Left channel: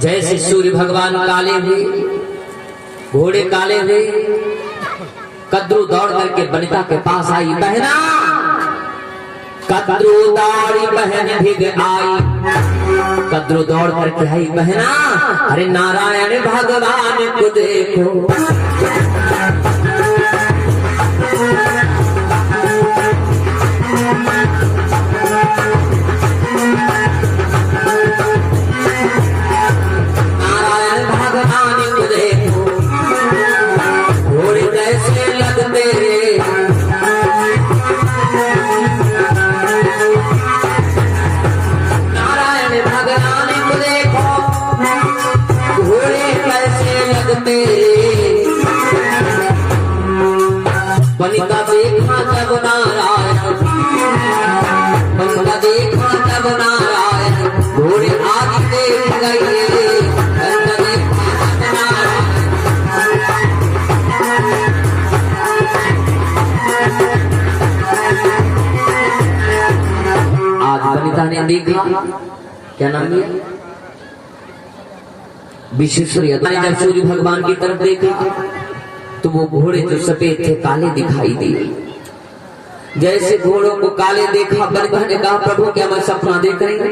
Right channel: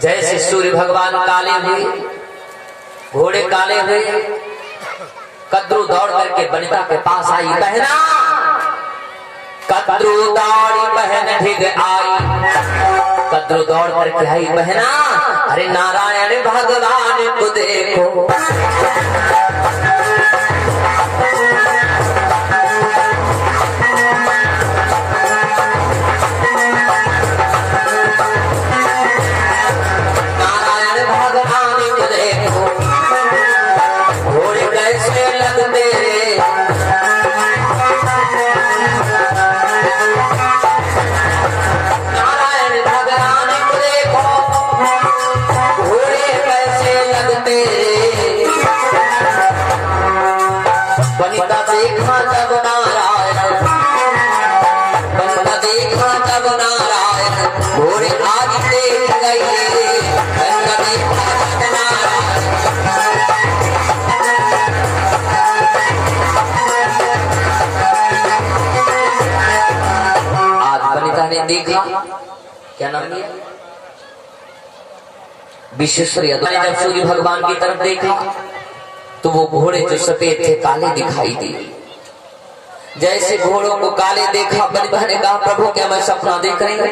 जैसे सूर्य भगवान काले हुए, घोड़े काले हुए, कद्रू दौड़ करके वनिता के पास आई। बहना कद्रू दौड़ी बहन ढिग आई, कद्रू दौड़ करके आई। बहना अरे नारायण भगवान को देखो, देखा क्या नाम है विश्वेश्वरी। जब सूर्य भगवान की तरफ देखा तो वो घोड़े जो सफेद थे काले दिखाई दिए। जैसे घोड़ों को काले देखा वनिता ने कहा प्रभु क्या मैं सपना देख रही हूँ?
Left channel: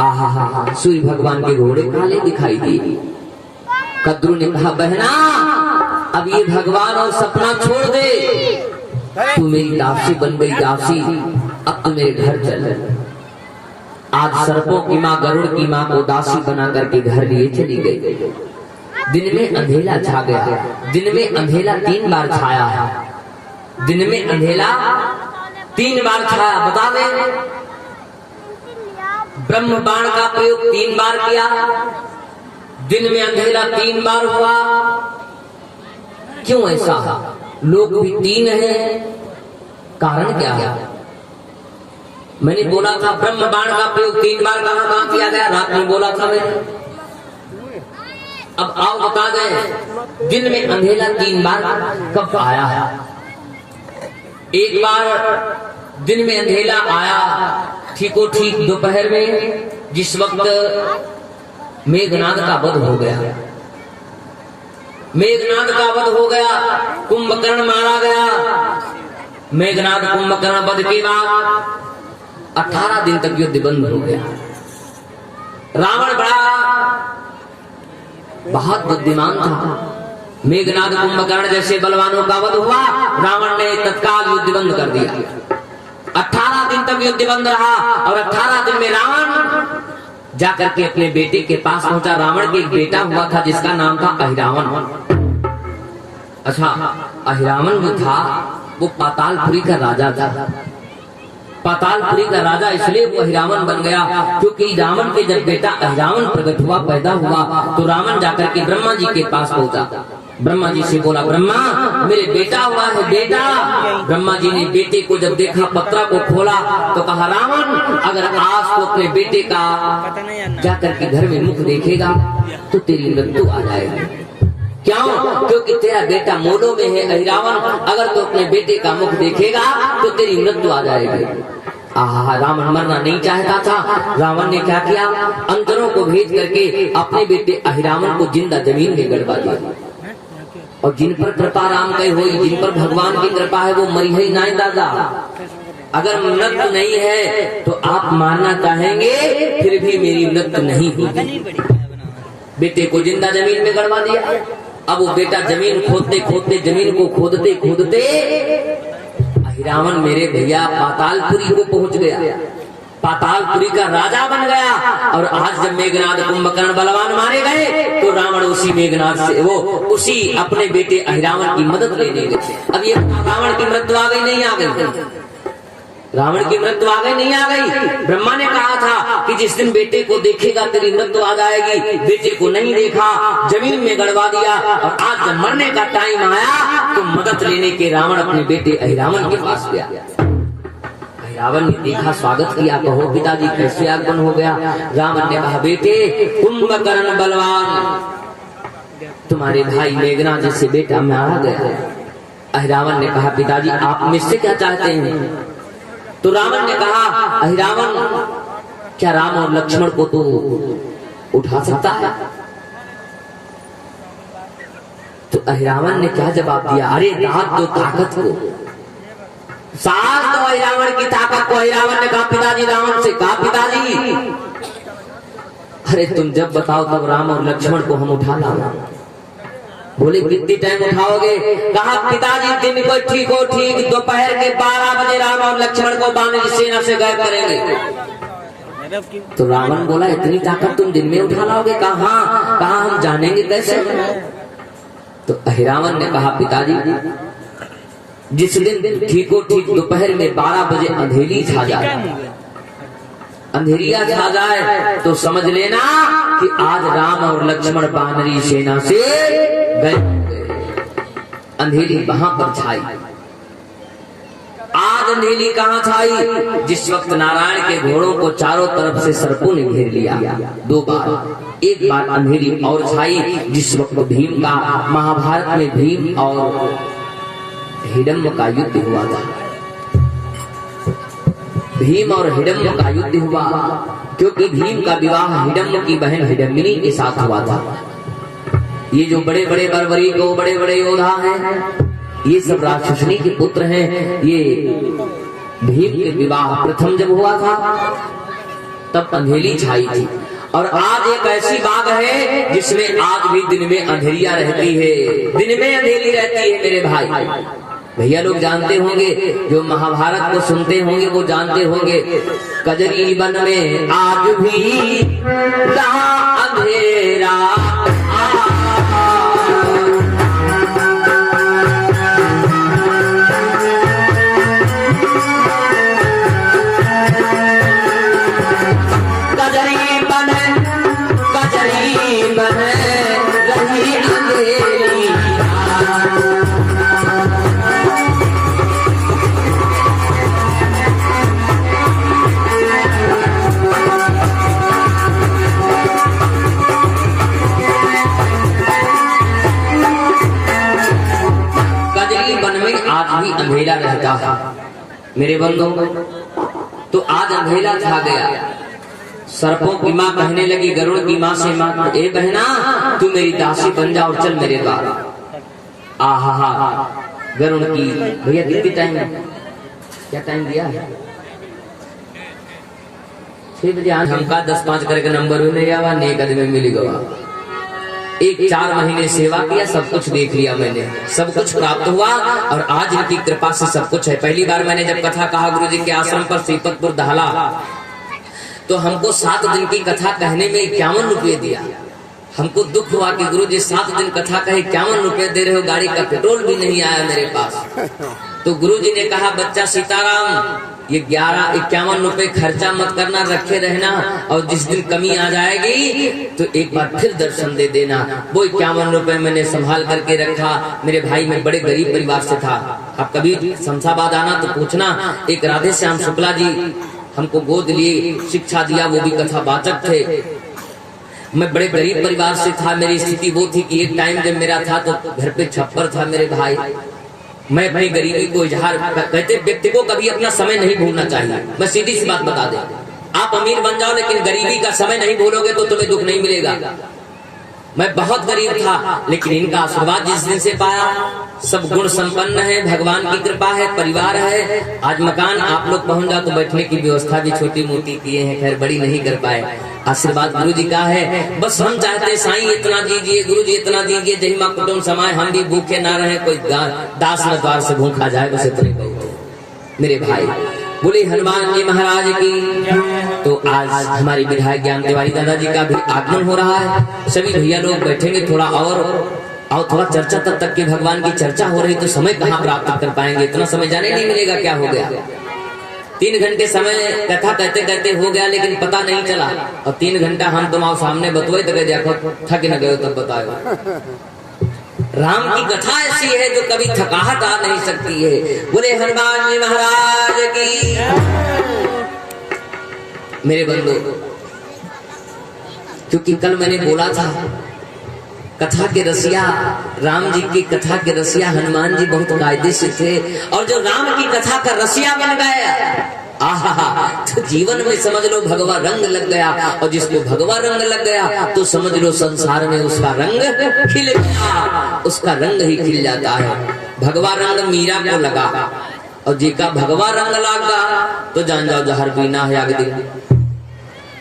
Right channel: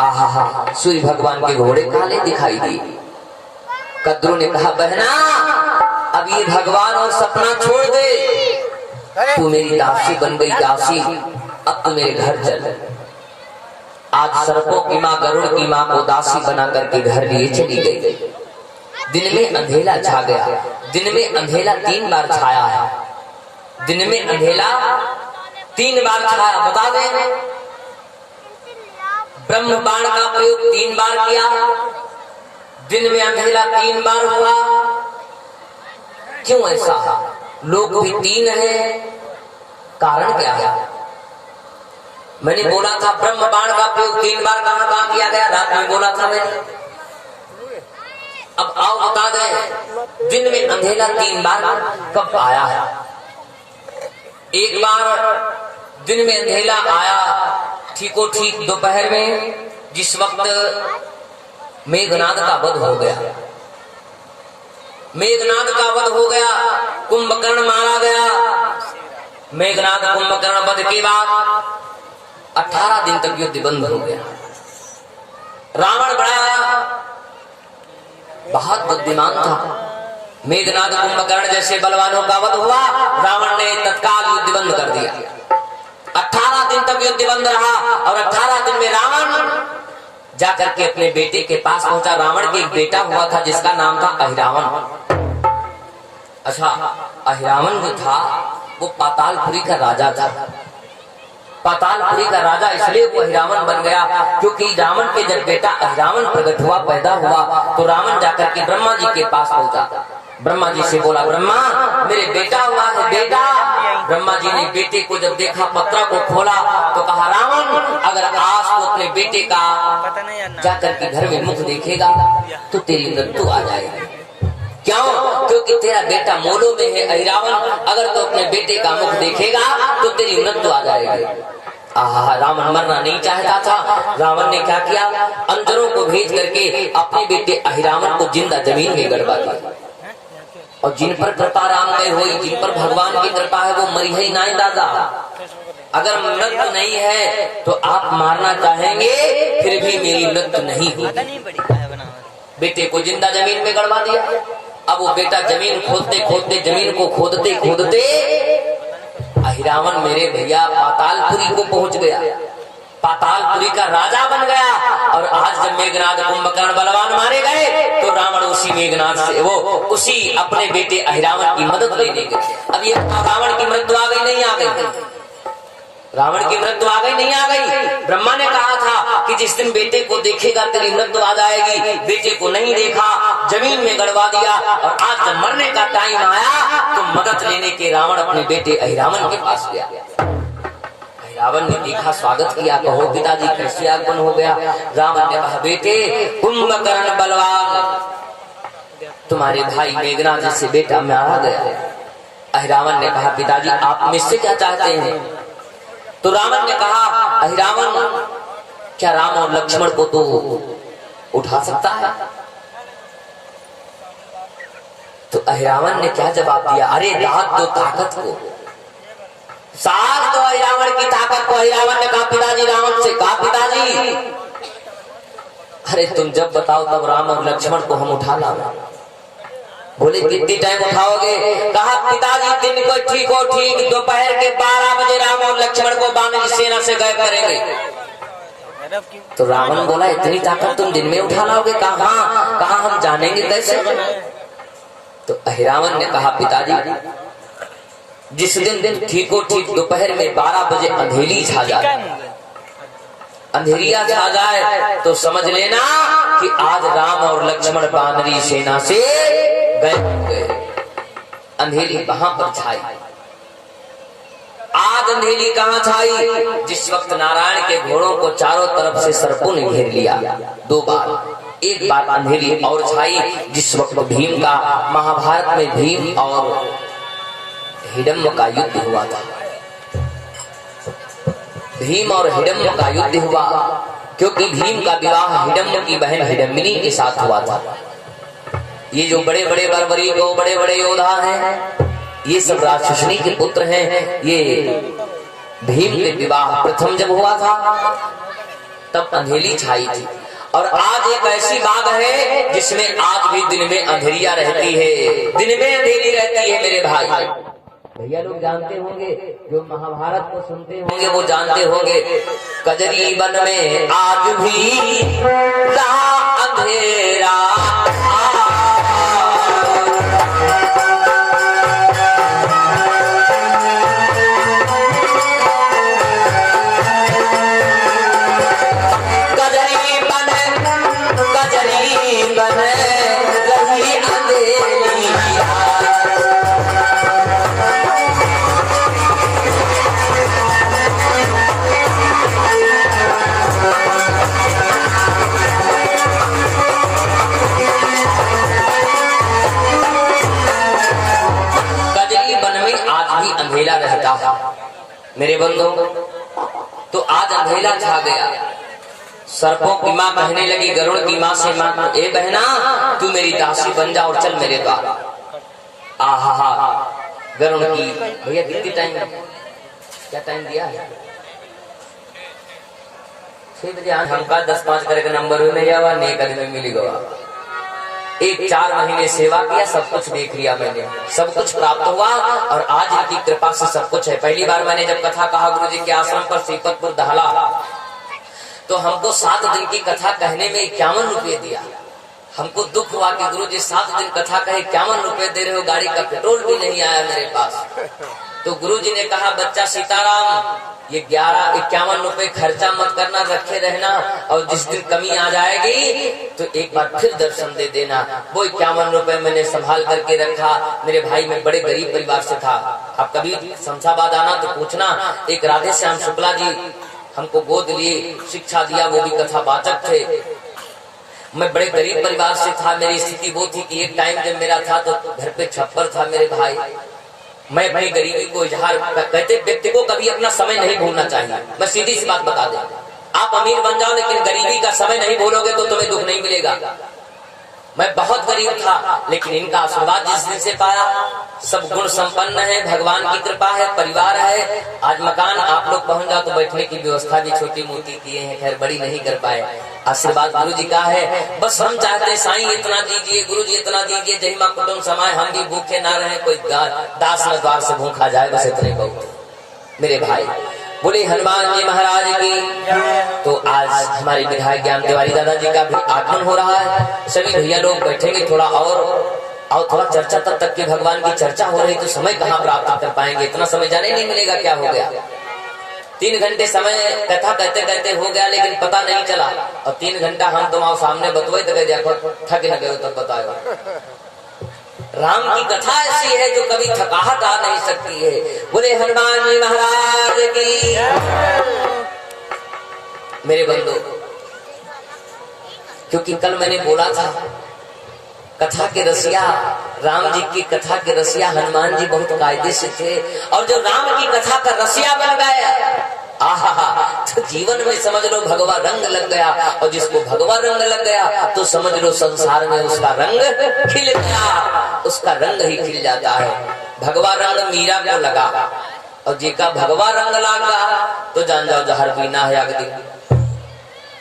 आहा सूर्य भगवान के घोड़े काले दिखाई दिए। कद्रू ने कहा बहना अब ये भगवान और सपना छोड़ दे, तू मेरी दासी बन गई दासी, अब तू मेरे घर चल। आज सर्पों की माँ गरुड़ की माँ को दासी बना करके घर लिए चली गई। दिन में अंधेला छा गया। दिन में अंधेला 3 बार छाया। दिन में अंधेला 3 बार छाया। बता दें ब्रह्म बाण का प्रयोग 3 बार किया। दिन में अंधेला 3 बार हुआ। क्यों ऐसा? लोग भी 3 है, कारण क्या है? मैंने बोला था ब्रह्म बाण का प्रयोग 3 बार कहाँ किया गया? रात में बोला था मैंने। अब आओ बता दें दिन में अंधेला 3 बार कब आया है? एक बार दिन में अंधेला आया ठीको ठीक दोपहर में, जिस वक्त मेघनाद का वध हो गया। मेघनाद का वध हो गया, कुंभकर्ण मारा गया। मेघनाद कुंभकर्ण वध के बाद 18 दिन तक युद्ध बंद हो गया। रावण बहुत बुद्धिमान था। मेघनाद कुंभकर्ण जैसे बलवानों का वध हुआ, रावण ने तत्काल युद्ध बंद कर दिया। 18 दिन तक युद्ध बंद रहा और 18 दिन में रावण जाकर के अपने बेटे के पास पहुंचा। रावण के एक बेटा हुआ था जिसका नाम था अहिरावण। अच्छा, अहिरावण जो था वो पातालपुरी का राजा था। पातालपुरी का राजा इसलिए वो अहिरावण बन गया क्योंकि रावण के जब बेटा अहिरावण प्रकट हुआ, पैदा हुआ, तो रावण जाकर के ब्रह्मा जी के पास पहुंचा। ब्रह्मा जी से बोला ब्रह्मा मेरे बेटा हुआ है बेटा। ब्रह्मा जी ने बेटे को जब देखा, पत्रा को खोला तो कहा रावण अगर आज तो अपने बेटे का जाकर के घर में मुख देखेगा तो तेरी मृत्यु आ जाएगी। क्यों? क्योंकि तेरा बेटा मोलो में है अहिरावण, अगर तो अपने बेटे का मुख देखेगा तो तेरी मृत्यु आ जाएगी। रावण मरना नहीं चाहता था। रावण ने क्या किया? अंतरों को भेज करके अपने बेटे अहिरावण को जिंदा जमीन में गड़वा दिया। और जिन पर कृपा राम कही हुई, जिन पर भगवान की कृपा है वो मरी ही नहीं दादा। अगर मृत्यु नहीं है तो आप मारना चाहेंगे फिर भी मेरी मृत्यु नहीं होगी। बेटे को जिंदा जमीन में गड़वा दिया। अब वो बेटा जमीन खोदते खोदते, जमीन को खोदते खोदते अहिरावण मेरे भैया पातालपुरी को पहुंच गया। पातालपुरी का राजा बन गया। और आज जब मेघनाद कुंभकर्ण बलवान मारे गए तो रावण उसी मेघनाद से वो उसी अपने बेटे अहिरावण की मदद लेने गए। अब ये रावण की मृत्यु आ गई नहीं आ गई? रावण की मृत्यु आ गई नहीं आ गई? ब्रह्मा ने कहा था कि जिस दिन बेटे को देखेगा तेरी मृत्यु आ जाएगी। बेटे को नहीं देखा, जमीन में गड़वा दिया। और आज जब मरने का टाइम आया तो मदद लेने के रावण अपने बेटे अहिरावण के पास गया। अहिरावण ने देखा, स्वागत किया, कहो पिताजी कैसे आगमन हो गया? रावण ने कहा बेटे कुंभकर्ण बलवान तुम्हारे भाई मेघनाद जैसे बेटा मैं आ गया। अहिरावण ने कहा पिताजी आप मुझसे क्या चाहते हैं? तो रावण ने कहा अहिरावण क्या राम और लक्ष्मण को तो उठा सकता है? तो अहिरावण ने क्या जवाब दिया? अरे दाद दो ताकत को, साथ दो अहिरावण की ताकत को। अहिरावण ने कहा पिताजी रावण से, कहा पिताजी अरे तुम जब बताओ तब राम और लक्ष्मण को हम उठा लाओ। बोले कितनी टाइम उठाओगे? कहा पिताजी दिन को ठीक हो ठीक दोपहर के 12 बजे राम और लक्ष्मण को वानर सेना से गायब करेंगे। तो रावण बोला इतनी ताकत तुम दिन में उठा लाओगे? कहा हाँ। कहा हम जानेंगे कैसे? तो अहिरावण ने कहा पिताजी जिस दिन ठीक हो ठीक दोपहर में 12 बजे अंधेरी छा जाए, अंधेरिया छा जाए तो समझ लेना कि आज राम और लक्ष्मण वानरी सेना से गए। अंधेरी वहां पर छाई। आज अंधेरी कहां छाई? जिस वक्त नारायण के घोड़ों को चारों तरफ से सर्पों ने घेर लिया 2 बार। एक बार अंधेरी और छाई जिस वक्त भीम का, महाभारत में भीम और हिडम्ब का युद्ध हुआ था। भीम और हिडम्ब का युद्ध हुआ क्योंकि भीम का विवाह हिडम्ब की बहन हिडम्बिनी के साथ हुआ था। ये जो बड़े बड़े बर्बरी को बड़े बड़े योद्धा हैं, ये सब राक्षसनी के पुत्र हैं। ये भीम के विवाह प्रथम जब हुआ था तब अंधेरी छाई थी। और आज एक ऐसी बात है जिसमें आज भी दिन में अंधेरिया रहती है, दिन में अंधेरी रहती है मेरे भाई। भैया लोग जानते होंगे, जो महाभारत को सुनते होंगे वो जानते होंगे, कजरी वन में आज भी जहां अंधेरा अंधेरा रहता है मेरे बंधु। तो आज अंधेरा छा गया। सर्पों की माँ कहने लगी गरुड़ की माँ से, माँ ए बहना तू मेरी दासी बन जा और चल मेरे द्वार। आहा गरुड़ की भैया कितनी टाइम, क्या टाइम दिया है? 6 बजे। हमका 10-5 करके नंबर नहीं आवा, नेक आदमी मिली गवा। 4 महीने सेवा किया, सब कुछ देख लिया मैंने, सब कुछ प्राप्त हुआ और आज इनकी कृपा से सब कुछ है। पहली बार मैंने जब कथा कहा गुरु जी के आश्रम पर श्रीपतपुर दहला, तो हमको 7 दिन की कथा कहने में 51 रुपये दिया। हमको दुख हुआ कि गुरु जी 7 दिन कथा कहे 51 रुपये दे रहे हो, गाड़ी का पेट्रोल भी नहीं आया मेरे पास। तो गुरु जी ने कहा बच्चा सीताराम ये 51 रुपए खर्चा मत करना, रखे रहना और जिस दिन कमी आ जाएगी तो एक बार फिर दर्शन दे देना। वो 51 रुपए मैंने संभाल करके रखा। मेरे भाई में बड़े गरीब परिवार से था। आप कभी शमशाबाद आना तो पूछना, एक राधे श्याम शुक्ला जी हमको गोद लिए शिक्षा दिया, वो भी कथा वाचक थे। मैं बड़े गरीब परिवार से था। मेरी स्थिति वो थी कि एक टाइम जब मेरा था तो घर पे छप्पर था मेरे भाई। मैं अपनी गरीबी को इजहार कहते, व्यक्ति को कभी अपना समय नहीं भूलना चाहिए। मैं सीधी सी बात बता दूं, आप अमीर बन जाओ लेकिन गरीबी का समय नहीं भूलोगे तो तुम्हें दुख नहीं मिलेगा। मैं बहुत गरीब था लेकिन इनका आशीर्वाद जिस दिन से पाया, सब गुण संपन्न है, भगवान की कृपा है, परिवार है। आज मकान आप लोग पहुंच जाओ तो बैठने की व्यवस्था भी छोटी मोटी किए हैं, खैर बड़ी नहीं कर पाए। आशीर्वाद गुरु जी का है। बस हम चाहते हैं साईं इतना दीजिए, गुरु जी इतना दीजिए, जही माँ कुटुंब समाए, हम भी भूखे ना रहे, कोई दास न द्वार से भूखा जाए, बस इतने बहुत मेरे भाई। बोले हनुमान जी महाराज की। तो आज हमारे विधायक ज्ञान तिवारी दादाजी का भी आगमन हो रहा है। सभी भैया लोग बैठेंगे थोड़ा और थोड़ा चर्चा, तब तक की भगवान की चर्चा हो रही तो समय कहाँ प्राप्त कर पाएंगे, इतना समय जाने नहीं मिलेगा। क्या हो गया 3 घंटे समय कथा कहते कहते हो गया लेकिन पता नहीं चला। और 3 घंटा हम तुम आओ सामने बतवाई तो देखो थक न गए तब बताओ। राम की कथा ऐसी है जो कभी थकाहट आ नहीं सकती है। बोले हनुमान जी महाराज की। मेरे बंधु, क्योंकि कल मैंने बोला था कथा के रसिया, राम जी की कथा के रसिया हनुमान जी बहुत कायदे से थे, और जो राम की कथा का रसिया बन गया आहा, तो जीवन में समझ लो भगवा रंग लग गया, और जिसको भगवा रंग लग गया तो समझ लो संसार में उसका रंग खिल गया, उसका रंग ही खिल जाता है। भगवा रंग मीरा को लगा, और जिसका भगवा रंग लगा तो जान जाओ जहर पीना है अगदी।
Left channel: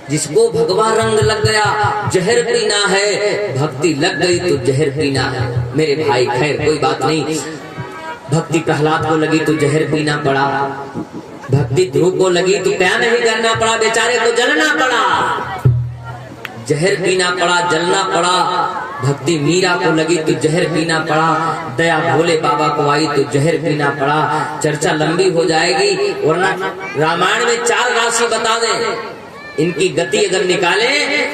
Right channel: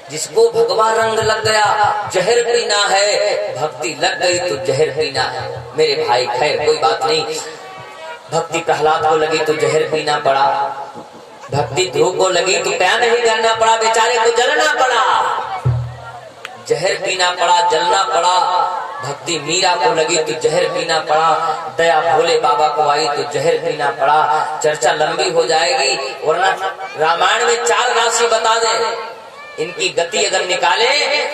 जिसको भगवा रंग लग गया जहर पीना है, भक्ति लग गई तो जहर पीना है। मेरे भाई खैर कोई बात नहीं, भक्ति प्रहलाद को लगी तो जहर पीना पड़ा, भक्ति ध्रुव को लगी तो क्या नहीं करना पड़ा, बेचारे को जलना पड़ा, जहर पीना पड़ा, जलना पड़ा। भक्ति मीरा को लगी तो जहर पीना पड़ा, दया भोले बाबा को आई तो जहर पीना पड़ा। चर्चा लंबी हो जाएगी, वरना रामायण में 4 राशि बता दें, इनकी गति अगर निकाले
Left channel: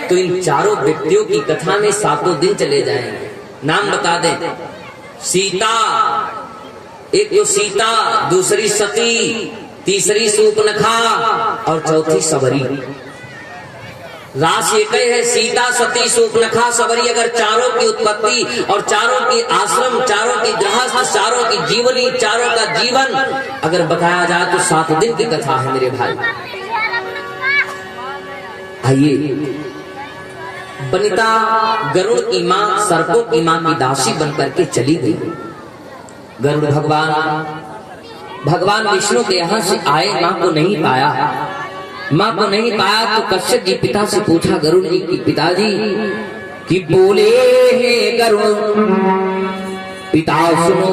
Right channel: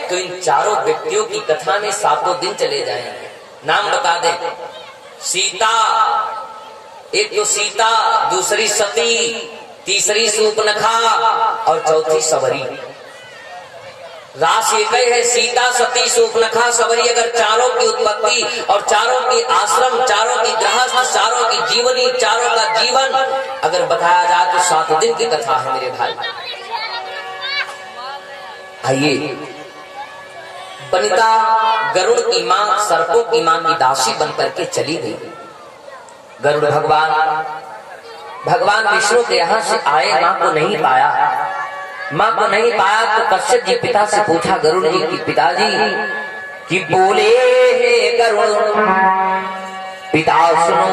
तो इन चारों व्यक्तियों की कथा में 7 दिन चले जाएंगे। नाम बता दें, सीता, एक तो सीता, दूसरी सती, तीसरी सूर्पनखा और चौथी सबरी। राशि एक है, सीता, सती, सूर्पनखा, सबरी। अगर चारों की उत्पत्ति और चारों की आश्रम, चारों की गृहस्थ, चारों की जीवनी, चारों का जीवन अगर बताया जाए तो 7 दिन की कथा है मेरे भाई। आइए, वनिता गरुड़ की मां, सर्पों की मां की दासी बनकर के चली गई। गरुड़ भगवान विष्णु के यहाँ से आए, माँ को नहीं पाया, माँ को नहीं पाया तो कश्यप जी पिता से पूछा गरुड़ जी की पिताजी कि बोले हे गरुड़ पिता सुनो,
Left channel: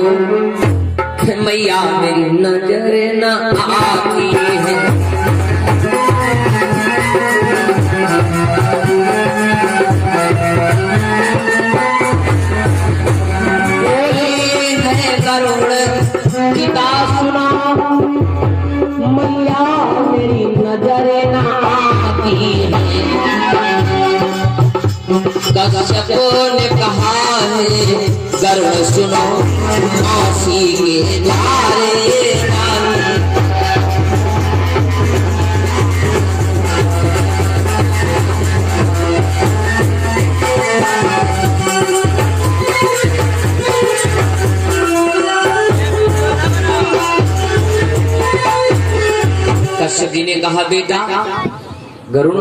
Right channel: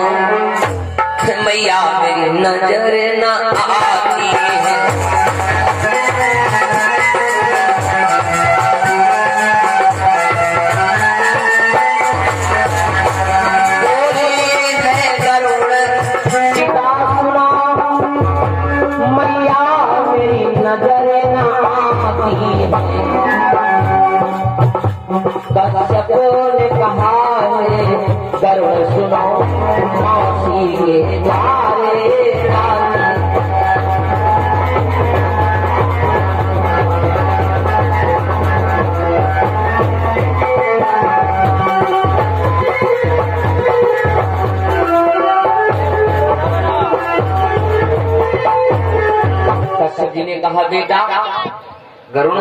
मैया मेरी नजर न आती है, कश्यप ने कहा है गरुड़ सुनो, मौसी के द्वारे कश्यप जी ने कहा बेटा गरुड़,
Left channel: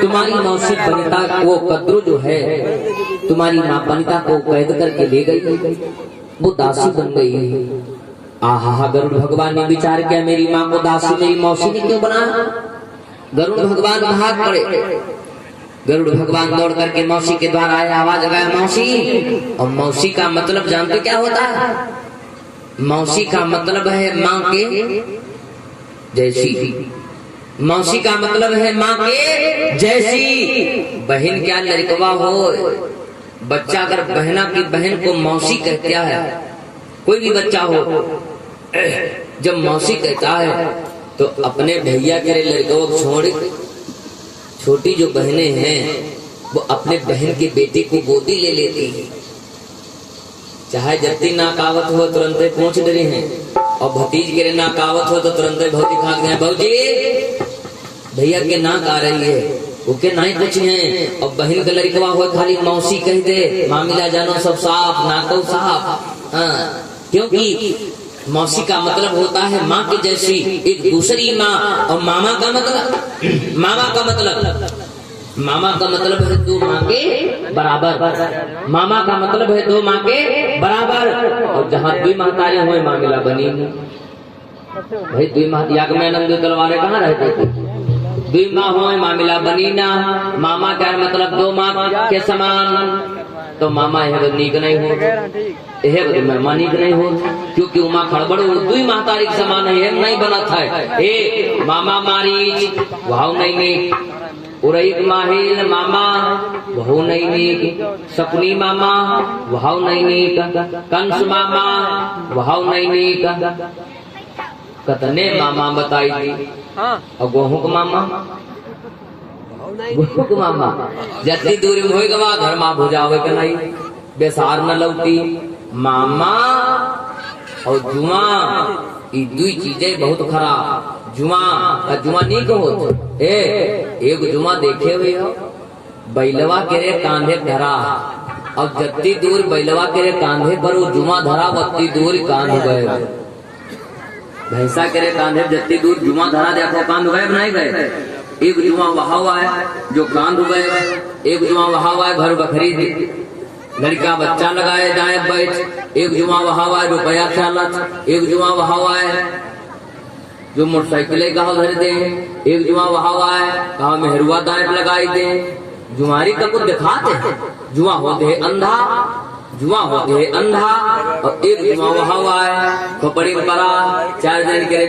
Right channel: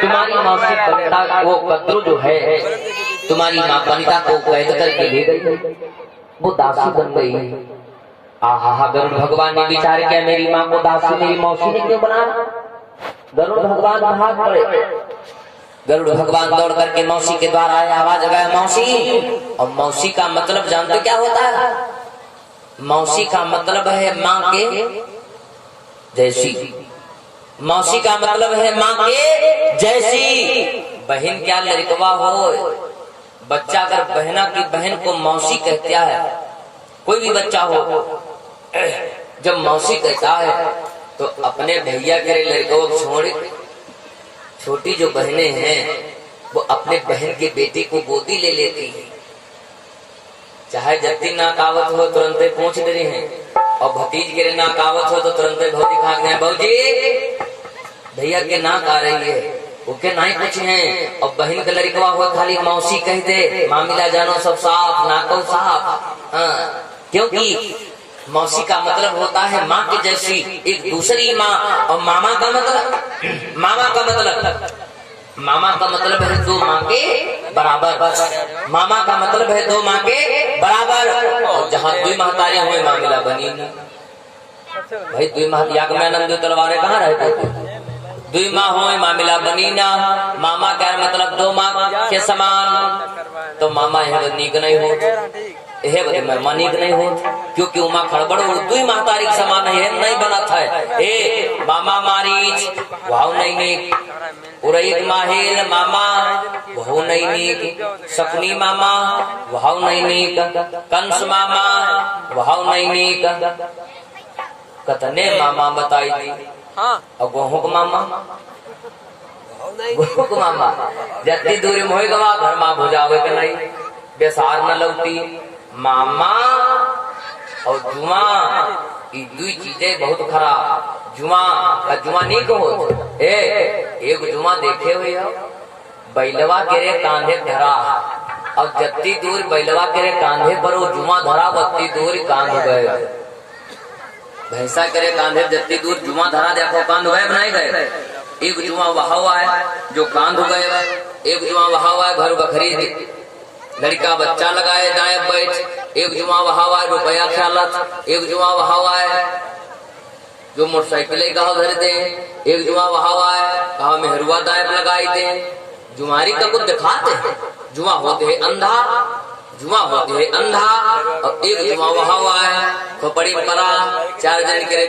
तुम्हारी मौसी वनिता वो कद्रु जो है, तुम्हारी माँ वनिता को कैद करके ले गई, वो दासी बन गई। आहा, गरुड़ भगवान ने विचार किया मेरी माँ को दासी मेरी मौसी ने क्यों बनाया। गरुड़ भगवान भाग पड़े, गरुड़ भगवान दौड़ करके मौसी के द्वार आए, आवाज लगाया मौसी। और मौसी का मतलब जानते क्या होता है? मौसी का मतलब है माँ के जैसी, मौसी का मतलब है माँ के जैसी। बहन क्या लड़कवा हो, बच्चा अगर बहना की बहन को मौसी कहता है, कोई भी बच्चा हो जब मौसी कहता है तो अपने भैया के लड़कों छोड़, छोटी जो बहनें हैं वो अपने बहन के बेटे को गोदी ले लेती है, चाहे जत्ती नाकावत हो तुरंत पूछ दे रही है, और भतीज के नाकावत हो तो तुरंत भौजी खा गए, भौजी भैया के नाक आ रही है, वो के नहीं कुछ है। और बहन का लड़कवा हुआ खाली मौसी कह दे, मामिला जानो सब साफ, नाको साफ। क्योंकि मौसी का मतलब होता है माँ के जैसी, एक दूसरी माँ। और मामा का मतलब, मामा का मतलब है 2 माँ के बराबर, मामा का मतलब है 2 माँ के बराबर। और जहाँ 2 महतारे हुए मामिला बनी भाई, 2 महतिया के तलवारें कहाँ रहते थे, 2 माँ हो मामिला बनी ना। मामा का मतलब 2 माँ के समान, तो मामा यह नीक नहीं हो, यह महिमा नीक नहीं हो, क्योंकि उमा खड़बड़ 2 महतारी के समान है, नहीं बना था। ए मामा मारीच भाव नहीं नीक, उरैत माहिर मामा भाव नहीं नीक, सपनी मामा भाव नहीं नीक, कंस मामा भाव नहीं नीक, कतने मामा बताई थी। और गोहू को मामा, गोहू को मामा जत्ती दूरी में होएगा घर माँ भुजावे के नहीं, बेसार न लौटी। मामा और जुआ ये 2 चीजें बहुत खराब। जुआ का जुआ नहीं कहो, एक जुआ देखे हुए हो, बैलवा के कांधे धरा, और जत्ती दूर बैलवा के कांधे पर वो जुआ धरा, बत्ती दूर कांध गए। भैंसा करे कांधे जत्ती दूर जुआ धरा देखो कांध गए बनाए गए। एक जुआ वहा हुआ है जो कांध गए, एक जुआ वहा हुआ है घर बखरी लड़का बच्चा लगाए दाएं बैठ, एक जुआ वहा हुआ है रुपया ख्यालत, एक जुआ वहा हुआ है जो मोटरसाइकिलें गाँव धर दे, एक जुआ वहा हुआ है कहा मेहरुआ दाएं लगाई दे। जुआरी का कुछ दिखाते हैं, जुआ होते है अंधा, जुआ होते है अंधा, और एक जुआ वहा हुआ है खोपड़ी परा 4 जन के